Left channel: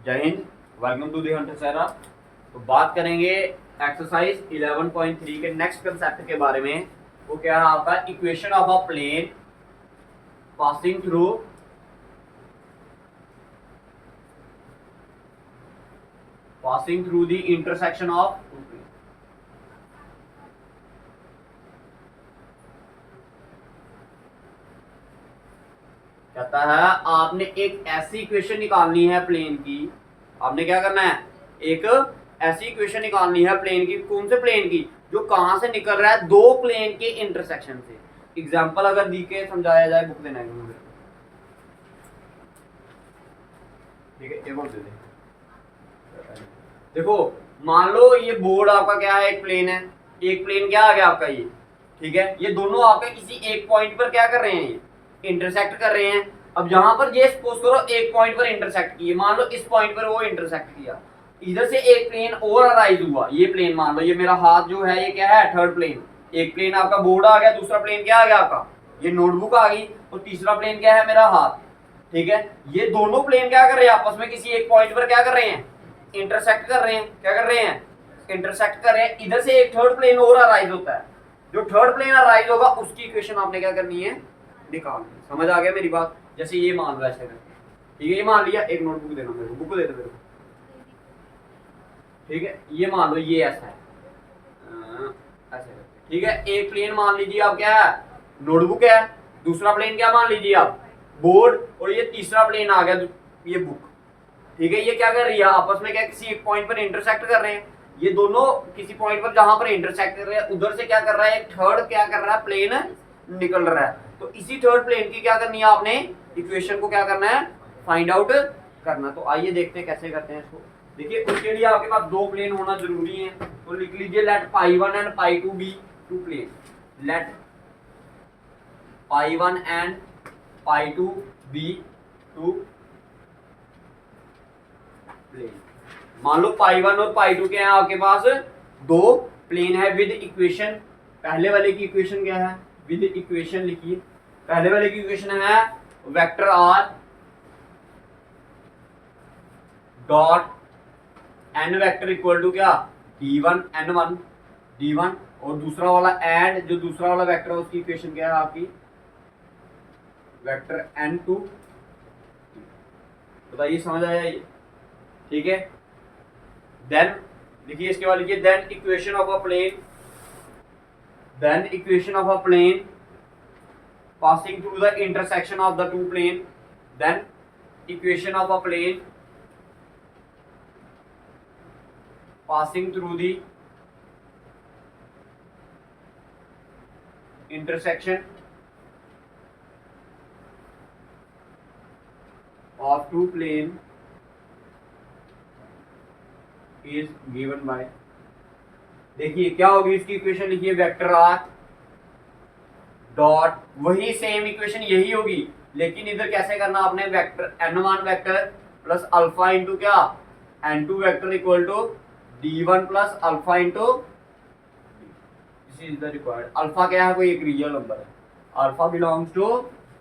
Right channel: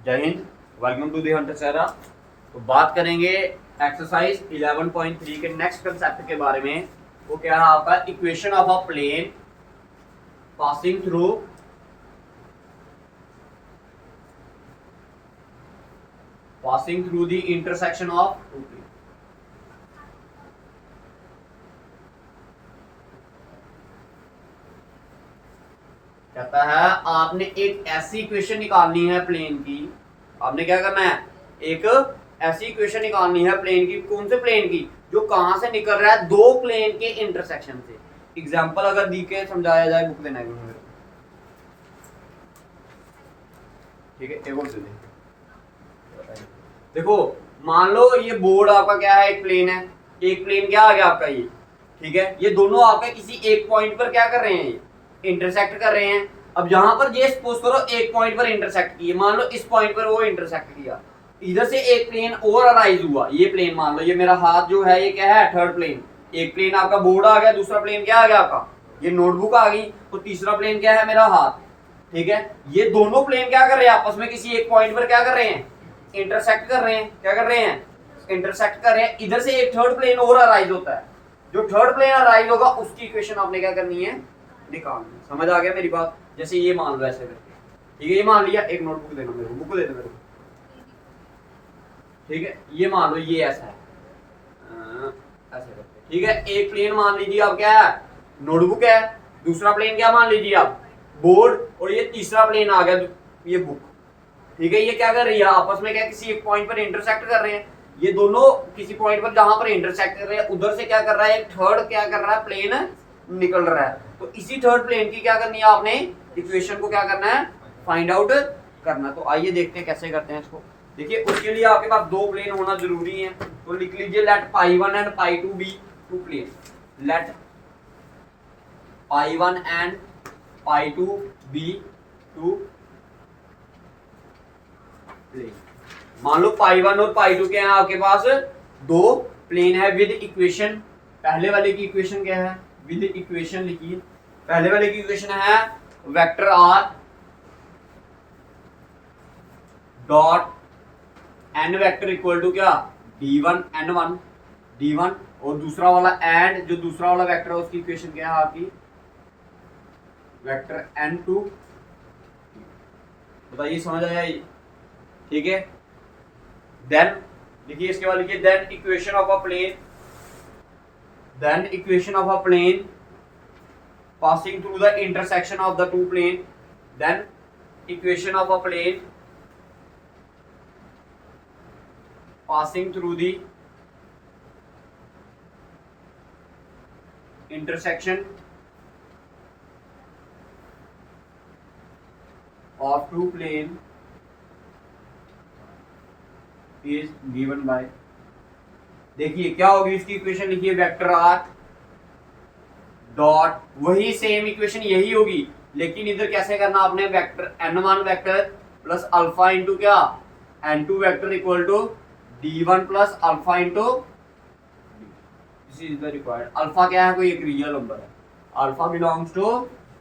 जय हिंद, welcome to the Hunter Sahara. तो बात करेंगे एक्सरसाइज 11.3 के नेक्स्ट कंसेप्ट के बारे में। वो क्या है आपका equation of a plane passing through the intersection of two plane. कहता है आपने एक ऐसी इक्वेशन निकालनी है प्लेन की। आपने क्या करना है, एक ऐसी इक्वेशन निकालनी है प्लेन की। कौन से प्लेन की? जो कहां से निकल रहा है, दो प्लेन के इंटरसेक्शन से। एग्जांपल अगर दी के समझाया जाए, बुक देना है मुझे, ठीक है। एक और दे दे। देखो, मान लो ये बोर्ड आपका क्या है, एक प्लेन है। एक प्लेन क्या आ गया आपका ये, ठीक है। ये दोनों आपका किसी एक पॉइंट पर क्या कर रहे हैं, इंटरसेक्ट कर रहे हैं। अब यहां पर ये सपोज करो एक पॉइंट पर इंटरसेक्ट किए, मान लो इस पॉइंट पर वो इंटरसेक्ट किया। इधर से एक प्लेन और अराइज हुआ। ये प्लेन मान लो, ये मेरा हाथ जो है ये क्या है, थर्ड प्लेन। एक प्लेन आपका बोर्ड आ गया, दूसरा प्लेन क्या आ गया आपका, ये नोटबुक आ गई, और तीसरा प्लेन क्या है, मेरा हाथ, ठीक है। ये दोनों प्लेन क्या कर रहे हैं, आपस में किसी एक पॉइंट पर क्या कर रहे हैं, इंटरसेक्ट कर रहे हैं। क्या कर रहे हैं, इंटरसेक्ट कर रहे हैं। इधर से एक थर्ड प्लेन और अराइज होता है। जो थर्ड प्लेन अराइज होगा उसकी इक्वेशन आपने क्या करनी है, निकालनी। समझ आ गया मेरी बात? जैसे ये मान लो ऐसे करके, ठीक है। ये मान लिया, एक नोटबुक देना मेरे को, बुक दे दो मेरे को, ठीक है। ये मान लो ये ऐसा है, ऐसे करके, ठीक है। एक प्लेन मान लीजिए आप क्या है, नोटबुक है। दूसरा प्लेन क्या मान लीजिए आप, बोर्ड। और ये तीसरा प्लेन आ गया, ये बुक, ठीक है। ये क्या कर रही है, आपस में क्या किसी एक पॉइंट पर इंटरसेक्ट कर रहे हैं। ये दोनों किसी पॉइंट पर जहां पर इंटरसेक्ट कर रहे हैं, उधर से क्या कर रहा है, एक थर्ड क्या कर रहा है, प्लेन निकल रहा है। तो इसी थर्ड प्लेन की क्या करनी है आपने, इक्वेशन को क्या करना है, फाइंड आउट करना। तो आइए देखते हैं कैसे करते हैं इसको। देखिए, उसके लिए आपके पास दो प्लेन होना जरूरी है। तो लिख लीजिए, let pi 1 and pi 2 be two plane. Let pi 1 and pi 2 be two plane. मान लो पाई 1 और पाई 2 के हैं आपके पास, दो प्लेन है विद इक्वेशन। पहले वाले की इक्वेशन क्या है, विद इक्वेशन लिखिए। पहले वाले की इक्वेशन है vector r dot n vector equal to क्या, d1 n1 d1। और दूसरा वाला एंड, जो दूसरा वाला वेक्टर है उसकी इक्वेशन क्या है आपकी, वेक्टर n2। बताइए समझ आया ये, ठीक है। देन देखिए इसके बाद लिखिए, then equation of a plane passing through the intersection of the two plane। then equation of a plane passing through the intersection of two plane is given by। देखिए क्या होगी इसकी इक्वेशन, लिखिए वेक्टर आर डॉट, वही same equation यही होगी, लेकिन इधर कैसे करना आपने, vector n1 vector plus alpha into क्या, n2 vector equal to d1 plus alpha into, this is the required. Alpha क्या है, कोई एक रियल नंबर है। Alpha belongs to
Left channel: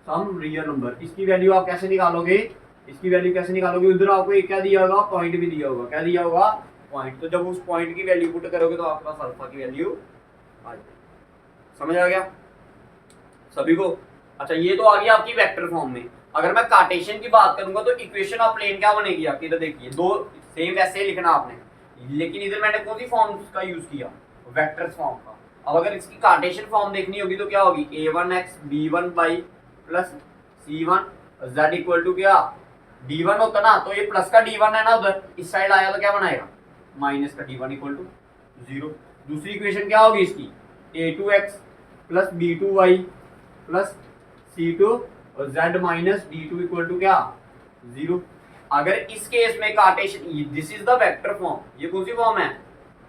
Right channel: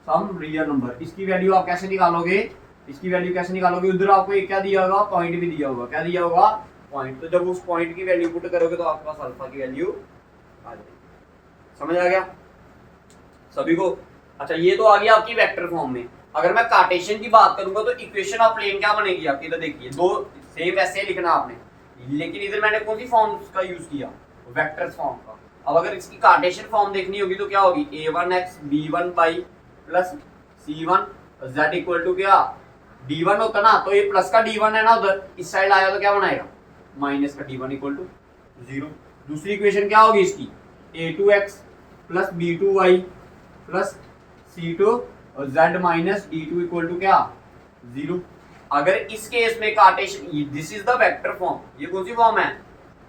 some real number. इसकी वैल्यू आप कैसे निकालोगे, इसकी वैल्यू कैसे निकालोगे, उधर आपको एक क्या दिया होगा, पॉइंट भी दिया होगा। क्या दिया होगा, पॉइंट। तो जब उस पॉइंट की वैल्यू पुट करोगे तो आपके पास अल्फा की वैल्यू आ जाएगी। समझ आ गया सभी को? अच्छा, ये तो आ गया आपकी वेक्टर फॉर्म में। अगर मैं कार्टेशियन की बात करूंगा तो इक्वेशन ऑफ प्लेन क्या बनेगी आपकी, इधर देखिए, दो सेम ऐसे लिखना आपने, लेकिन इधर मैंने कौन सी फॉर्म का यूज किया, वेक्टर्स फॉर्म का। अब अगर इसकी कार्टेशियन फॉर्म देखनी होगी तो क्या होगी, a1x b1 y plus c1 z equal to क्या, d1 होता ना, तो ये प्लस का d1 है ना, उधर इस साइड आया तो क्या बनाएगा, माइनस का d1 इक्वल टू 0। दूसरी इक्वेशन क्या होगी इसकी, a2x plus b2y plus c2 और z minus d2 equal to क्या, 0। अगर इस केस में Cartesian, this is the vector form, ये कौन सी फॉर्म है,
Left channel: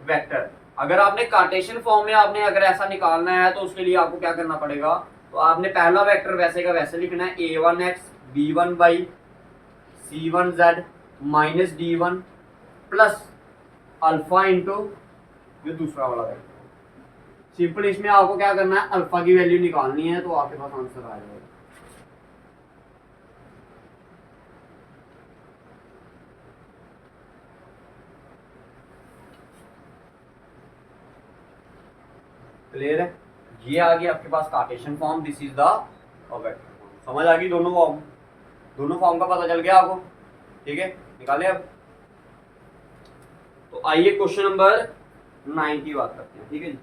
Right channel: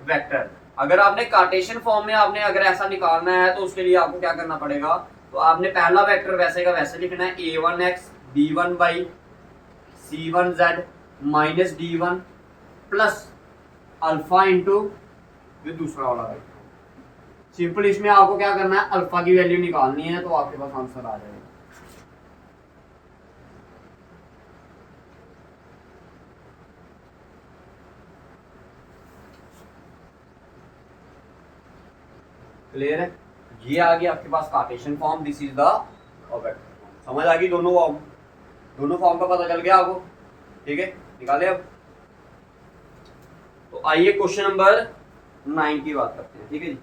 वेक्टर। अगर आपने कार्टेशियन फॉर्म में आपने अगर ऐसा निकालना है तो उसके लिए आपको क्या करना पड़ेगा, तो आपने पहला वेक्टर वैसे का वैसे लिखना है, a1x b1 by c1z minus d1 plus alpha into जो दूसरा वाला वेक्टर। सिंपल इसमें आपको क्या करना है, अल्फा की वैल्यू निकालनी है, तो आपके पास आंसर आ जाएगा। क्लियर है? ये आ गया आपके पास Cartesian form, this is the vector. समझ आ गई दोनों फॉर्म का पता चल गया आपको? ठीक है, निकाले अब। तो आइए क्वेश्चन नंबर 9 की बात करते हैं। ठीक है जी,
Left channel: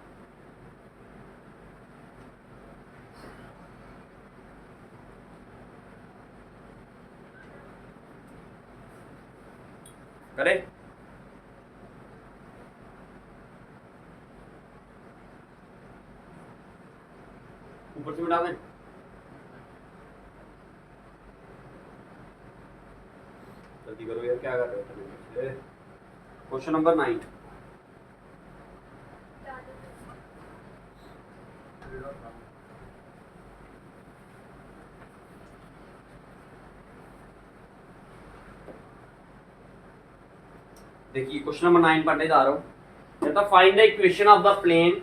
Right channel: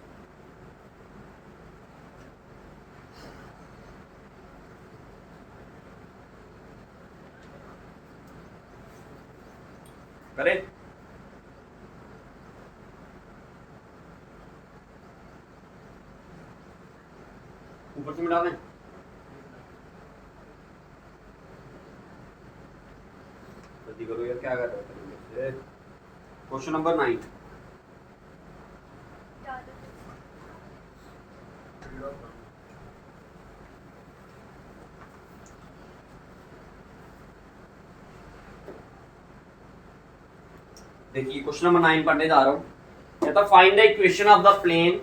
करें? ऊपर से मिटा दें। जल्दी करो यार, क्या कर रहे हो? Question number 9। देखिए क्वेश्चन नंबर 9 पढ़ने जा रहा हूं। कहता find the equation of the plane,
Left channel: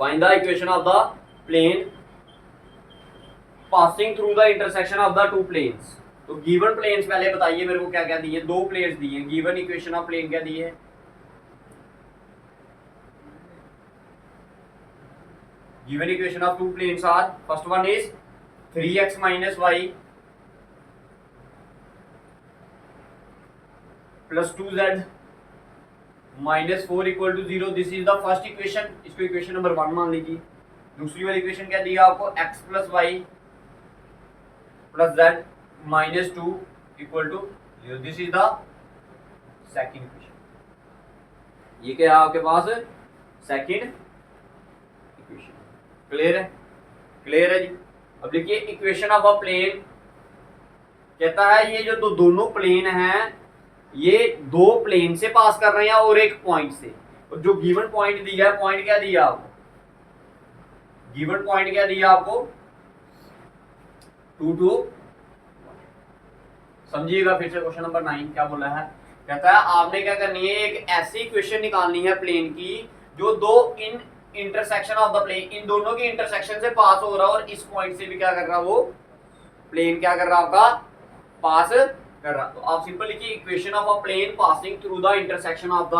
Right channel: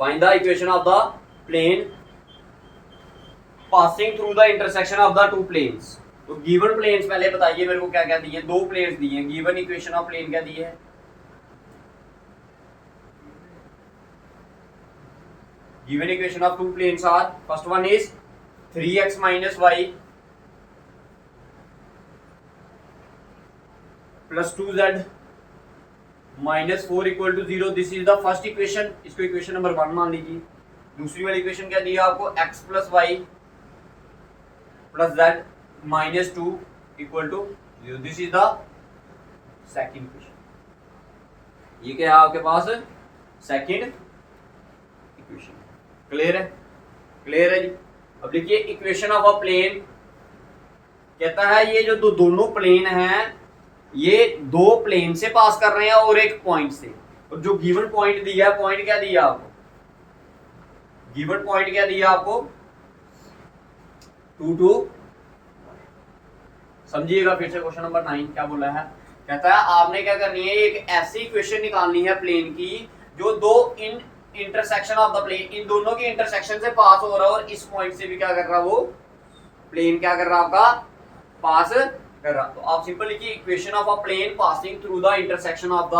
find the equation of the plane passing through the intersection of the two planes. तो गिवन प्लेन्स पहले बताइए मेरे को क्या क्या दिए। दो प्लेन्स दिए, गिवन इक्वेशन ऑफ प्लेन क्या दिए है? Given equation of two planes are, first one is 3x minus y plus 2z minus 4 equal to 0। This is the first equation, इसको इक्वेशन नंबर 1 मान लीजिए। दूसरी वाली इक्वेशन क्या दिया आपको? x plus y plus z minus 2 equal to 0। This is the second equation. ये क्या है आपके पास? Second equation. क्लियर है? क्लियर है जी। अब देखिए इक्वेशन ऑफ अ प्लेन कहता है ये जो दोनों प्लेन हैं ये दो प्लेन से पास कर रहे हैं और एक पॉइंट से। और जो गिवन पॉइंट दिया है, पॉइंट क्या दिया आपको? गिवन पॉइंट क्या दिया आपको? 2 2। समझिएगा फिर से क्वेश्चन नंबर 9 क्या बोला है। कहता है आपने क्या करनी है, एक ऐसी इक्वेशन निकालनी है प्लेन की जो दो इन इंटरसेक्शन ऑफ द प्लेन, इन दोनों की इंटरसेक्शन से पास हो रहा है और इस पॉइंट से भी क्या कर रहा है, वो प्लेन क्या कर रहा है आपका? पास कर रहा। तो आप सिंपल लिखिए equation of a plane passing through the intersection of the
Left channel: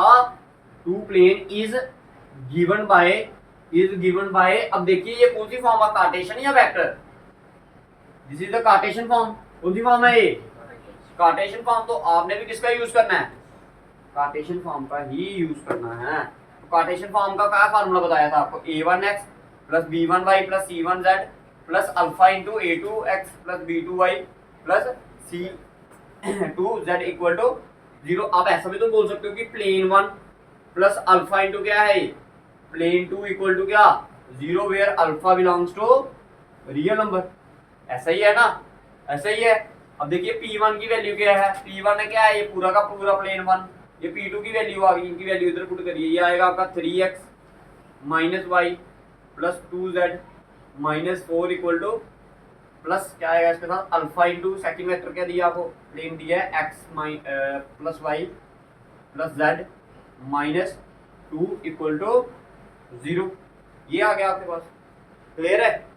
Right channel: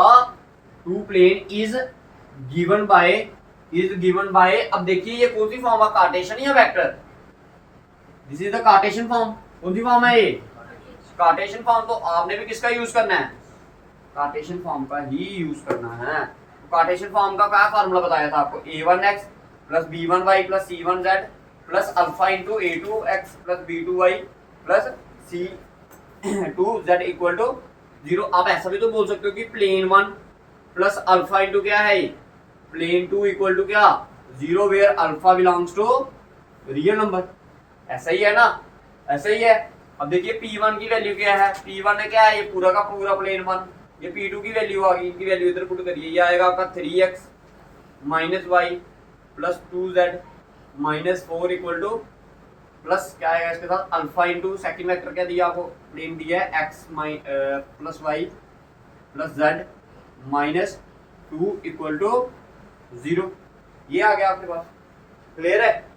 two plane is given by. अब देखिए ये कौन सी फॉर्म है, कार्टेशियन या vector? This is the Cartesian form. कौन सी फॉर्म है ये? Cartesian form. तो आपने भी किसका यूज करना है? कार्टेशियन फॉर्म का ही यूज करना है। तो कार्टेशियन फॉर्म का क्या फार्मूला बताया था आपको? a1x plus b1y plus c1z plus alpha into a2x plus b2y plus c2z equal to 0। आप ऐसा भी तो बोल सकते हो कि प्लेन 1 प्लस अल्फा इंटू क्या है, प्लेन 2 इक्वल टू क्या, 0 where alpha belongs to real number. ऐसा ही है ना? ऐसा ही है। अब देखिए P1 की वैल्यू क्या है? P1 क्या है? ये पूरा का पूरा प्लेन 1। ये P2 की वैल्यू आ गई, इनकी वैल्यू इधर पुट करिए। ये आएगा आपका 3x minus y plus 2z minus 4 equal to plus क्या आएगा इसके साथ अल्फा इंटू सेकेंड वेक्टर क्या दिया आपको? प्लेन दिया है x plus y plus z minus 2 equal to 0। ये आ गया आपके पास। क्लियर है?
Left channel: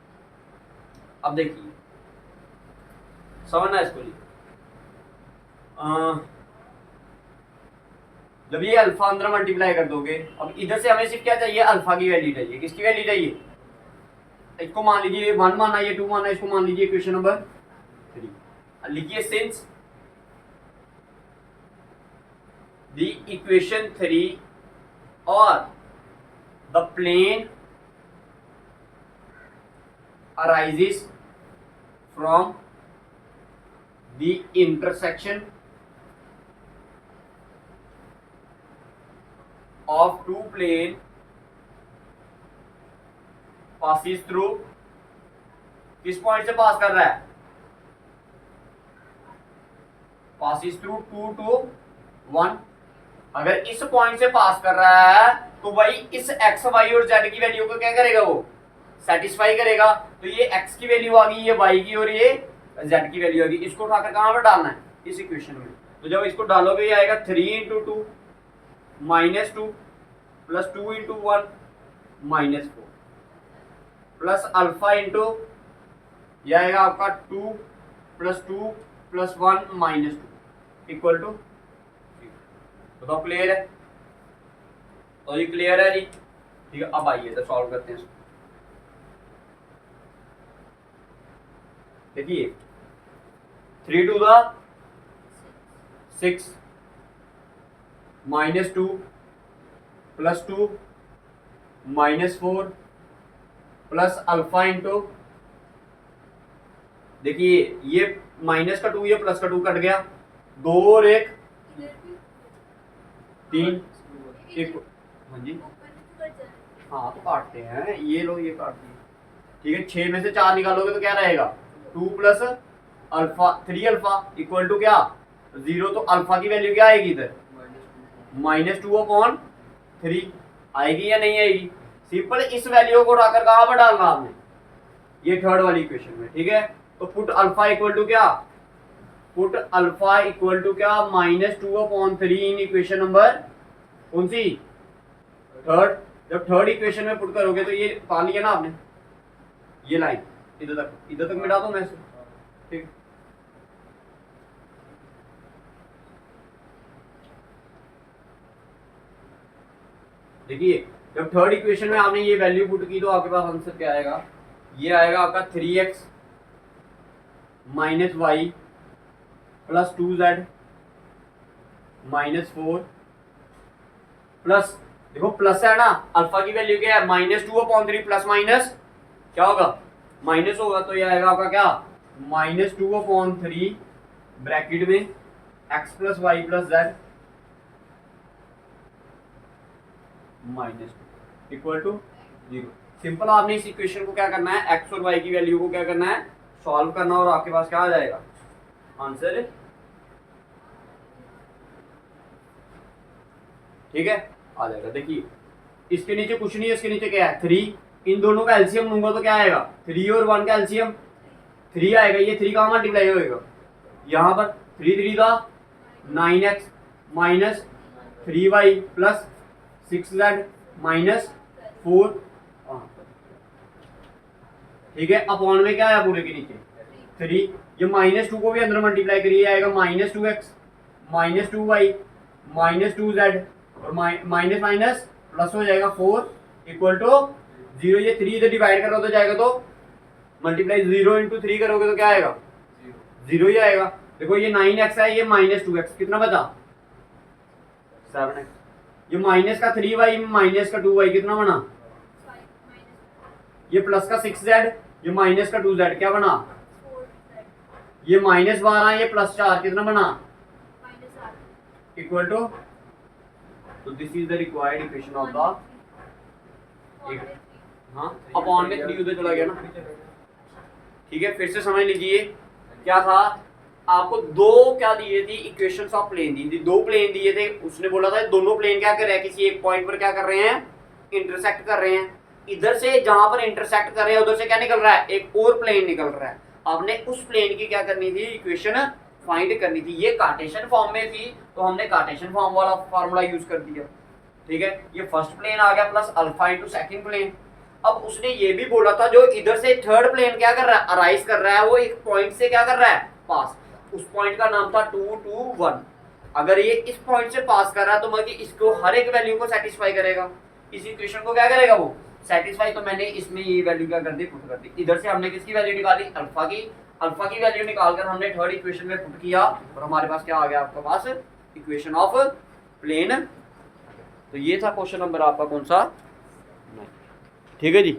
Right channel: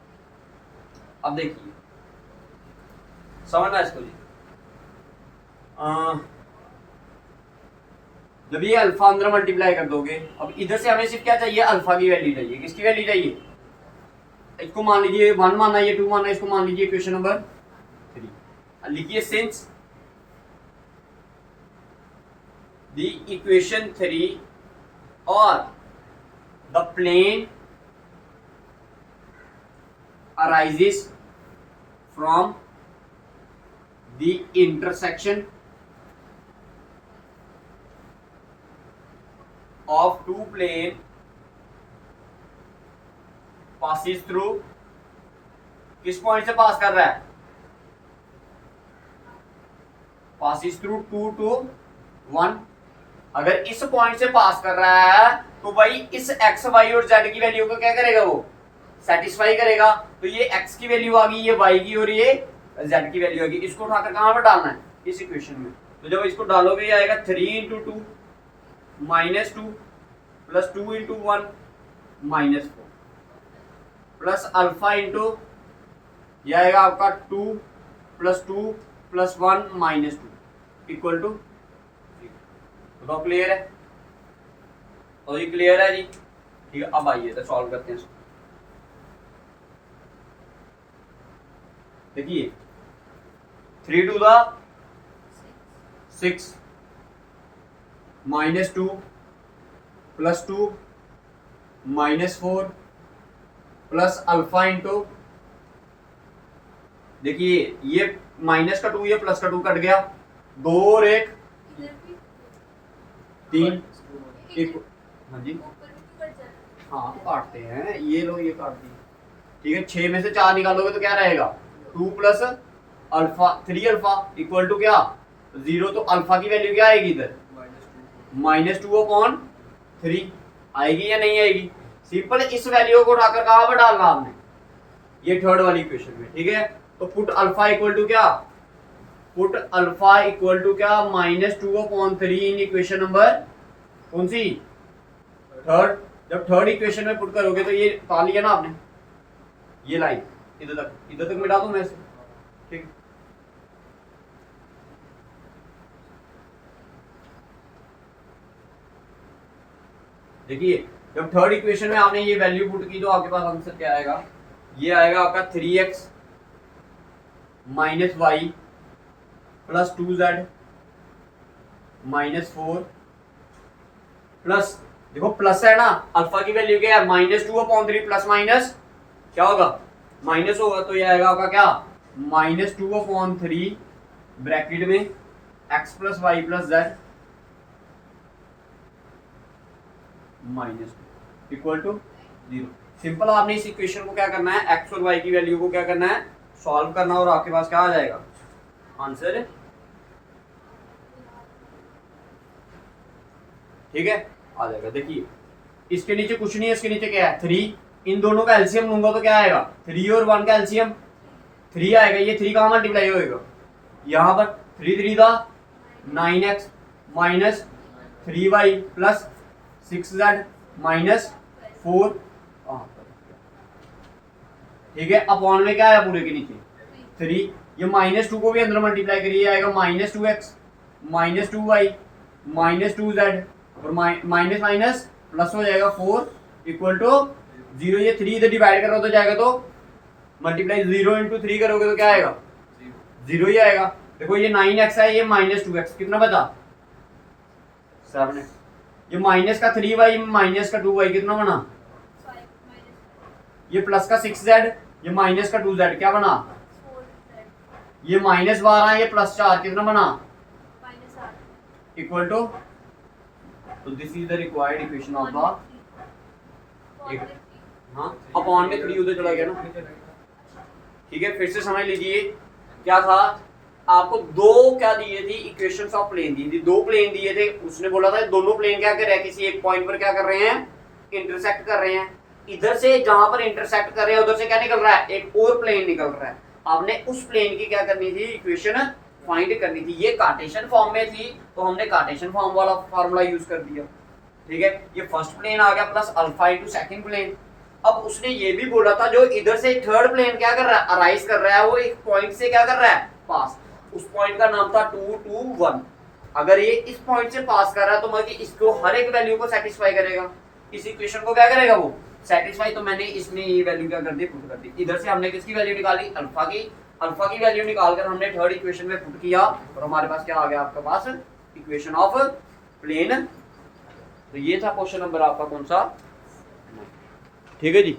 अब देखिए समझना इसको जी। जब ये अल्फा अंदर मल्टीप्लाई कर दोगे, अब इधर से हमें सिर्फ क्या चाहिए? अल्फा की वैल्यू चाहिए। किसकी वैल्यू चाहिए? इसको मान लीजिए 1 मानना, ये 2 मानना, इसको मान लीजिए इक्वेशन नंबर 3। लिखिए सिंस द इक्वेशन 3 और the plane arises from the intersection of two plane passes through, किस पॉइंट से पास कर रहा है? passes through 2 to 1। अगर इस पॉइंट से पास कर रहा है तो भाई इस x, y और z की वैल्यू को क्या करेगा? वो सेटिस्फाई करेगा। तो ये x की वैल्यू आ गई, ये y की और ये z की वैल्यू आ गई। इसको उठाकर कहां पर डालना है? इस इक्वेशन में। तो जब इसको डालोगे ये आएगा 3 into 2 minus 2 plus 2 into 1 minus 4 plus alpha into ये आएगा आपका 2 plus 2 plus 1 minus 2 equal to 0। बताओ क्लियर है? तो ये क्लियर है जी। ठीक है, अब आइए तो सॉल्व करते हैं इसको। देखिए 3 to the 6 -2 +2 -4 plus alpha into, देखिए ये माइनस का 2 ये प्लस का 2 कट गया, 2 और 1 3 एक, हाँ जी हाँ तो काटते हैं, ये लो ये काट दिए, ठीक है। 6 में से 4 निकालोगे तो क्या रहेगा 2 plus alpha 3 alpha equal to क्या 0, तो अल्फा की वैल्यू क्या आएगी इधर -2/3 आएगी या नहीं आएगी। सिंपल, इस वैल्यू को उठाकर कहां पर डालना आपने, ये थर्ड वाली इक्वेशन में, ठीक है। तो पुट अल्फा इक्वल टू क्या, पुट अल्फा इक्वल टू क्या -2/3 इन इक्वेशन नंबर कौन सी, थर्ड। जब थर्ड इक्वेशन में पुट करोगे तो ये पा लिया ना आपने, ये लाइन इधर तक मिटा दूं मैं इसे, ठीक। देखिए जब थर्ड इक्वेशन में आपने ये वैल्यू पुट की तो आपके पास आंसर क्या आएगा, ये आएगा आपका 3x - y + 2z -4 प्लस, देखो प्लस है ना, अल्फा की वैल्यू क्या है -2/3 प्लस माइनस क्या होगा माइनस होगा, तो ये आएगा आपका क्या -2/3 ब्रैकेट में x + y + z -2 सिंपल। आपने इस इक्वेशन को क्या करना है, x और y की वैल्यू को क्या करना है सॉल्व करना, और आपके पास क्या आ जाएगा आंसर, ठीक है आ जाएगा। देखिए इसके नीचे कुछ नहीं है, इसके नीचे क्या है 3, इन दोनों का एलसीएम लूंगा तो क्या आएगा 3 और 1 का एलसीएम 3 आएगा, ये 3 कहां मल्टीप्लाई होएगा यहाँ पर, 3 3 का 9x -3y + 6z -4, ठीक है। अपॉन में क्या आया पूरे के नीचे 3, ये -2 को भी अंदर मल्टीप्लाई करिए आएगा -2x -2y -2z और माइनस माइनस प्लस हो जाएगा 4 इक्वल टू 0, ये 3 इधर डिवाइड कर रहा तो जाएगा, तो मल्टीप्लाई 0 × 3 करोगे तो क्या आएगा 0 ही आएगा। देखो ये 9x है, ये -2x कितना बचा 7x, ये माइनस का 3y माइनस का 2y कितना बना, ये प्लस का 6z ये माइनस का 2z क्या बना, ये -12 ये +4 कितना बना इक्वल टू, तो this is the required equation of the, हाँ अपॉन में 3 उधर चला गया ना, ठीक है। फिर से समझ लीजिए क्या था, आपको दो क्या दिए थी इक्वेशंस ऑफ प्लेन दी थी, 2 प्लेन दिए थे, उसने बोला था दोनों प्लेन क्या कर रहे हैं किसी एक पॉइंट पर क्या कर रहे हैं इंटरसेक्ट कर रहे हैं, इधर से जहां पर इंटरसेक्ट कर रहे हैं उधर से क्या निकल रहा है एक और प्लेन निकल रहा है, आपने उस प्लेन की क्या करनी थी इक्वेशन फाइंड करनी थी। ये कार्टेशियन फॉर्म में थी तो हमने कार्टेशियन फॉर्म वाला फार्मूला यूज कर दिया, ठीक है। ये फर्स्ट प्लेन आ गया प्लस अल्फा × सेकंड प्लेन। अब उसने ये भी बोला था जो इधर से थर्ड प्लेन क्या कर रहा है अराइज कर रहा है, वो एक पॉइंट से क्या कर रहा है पास, उस पॉइंट का नाम था 2 2 1। अगर ये इस पॉइंट से पास कर रहा है तो मतलब इसको हर एक वैल्यू को सेटिस्फाई करेगा, इस इक्वेशन को क्या करेगा वो सेटिस्फाई। तो मैंने इसमें ये वैल्यू क्या कर दी पुट कर दी, इधर से हमने किसकी वैल्यू निकाली अल्फा की वैल्यू निकालकर हमने थर्ड इक्वेशन में पुट किया और हमारे पास क्या आ गया आपके पास इक्वेशन ऑफ प्लेन। तो ये था क्वेश्चन नंबर आपका कौन सा, ठीक है जी।